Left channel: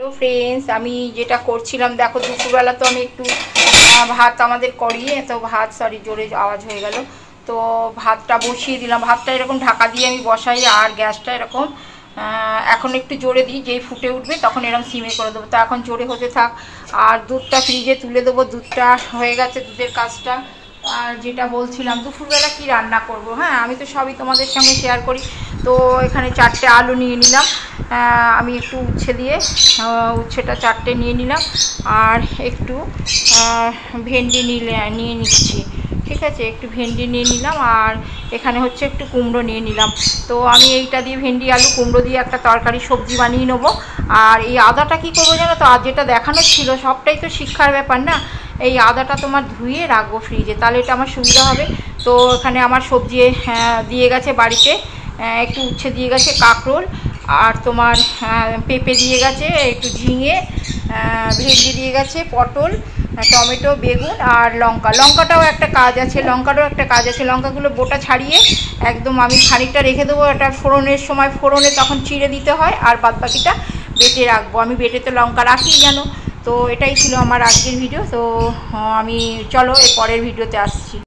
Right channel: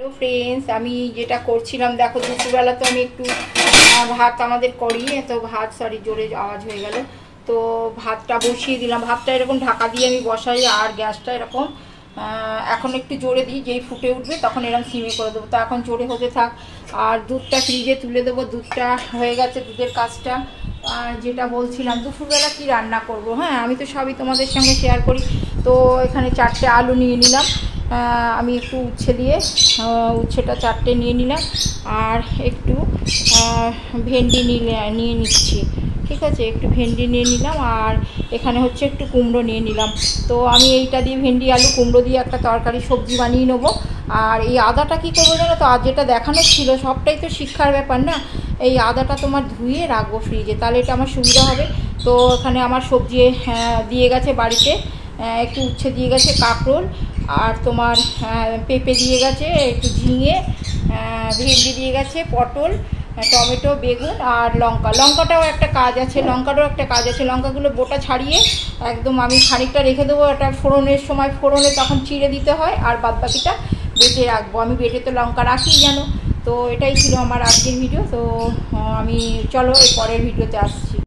Hello friends, আমি যেটা করছিলাম দেখো, দুপুরবেলা তো আমি একটু ভাত আমাদের করি, তো ভাত জোরে আওয়াজ হয়ে গেল। তো ভাতটা বসিয়ে দিলাম। ভাতটা এরকম ঢাকা দিয়ে আমি বসাই, আর গ্যাসটা এরকম এখন একটু জোরে দিই, যেই ফুটে উঠবে তখন এরকম সিমে করে দেবো। তো এখন জোরে হতে থাক, আর দুধটা ফ্রিজে তুলে দেবো। দুধটা হয়ে গেছে, দুধের কাজটা। আর যেটা বলছিলাম দুপুরবেলা কি রান্না করব, হ্যাঁ আমি তো সবই তোমাদের সঙ্গে শেয়ার করি। তো এখানে 4টে আলু নিয়ে নিলাম, আমি একটু উচ্ছে দিয়ে উচ্ছেটা 4টে নিয়ে নিলাম, আর একটু ভেন্ডি নিয়ে নিচ্ছি। ঠিক আছে, একটু ভেন্ডি নিয়ে নিলাম, আর এখানে হচ্ছে একটু কুমড়ো নিয়ে নিলাম। তো আমি এইটা দিয়ে ভেন্ডি আলু কুমড়ো দিয়ে একটা তরকারি সবজি বানিয়ে নেবো। আর এই আদাটা কী করবো জানো তো, আর যেটা দেখানো ছিল সবটাই তো শিক্ষার ব্যাপার না, এই আদাটা তোমার ধুয়ে রাখবো ফ্রিজে, তাহলে এটা আমার সুবিধা হবে। তো এখানে আমার সবজি দিয়ে গেছে বাড়িতে, একটু উচ্ছে দিয়ে গেছে, কাঁকরোল, আর তোমার পেঁপে দিয়ে গেছে, একটু ঝিঙে, ভেন্ডি দিয়ে গেছে, পটল, টমেটো, বেগুন, আর লঙ্কাটাও একটা কাজ আছে, লঙ্কাগুলো বোটা ছাড়িয়ে একদম আমি খানিকটা রেখে দেবো, এটা ফোড়নের সময় ফোড়নে তখন চিড়ে দিতে হয়, আর বাদবাকিটা বেটে রাখবো। আমি বেটে তো লঙ্কা রাখি জানো। তো এটাই ছিল আমার আজকের ভিডিও। তো আমি চলো এর পরের ভিডিওতে আসছি।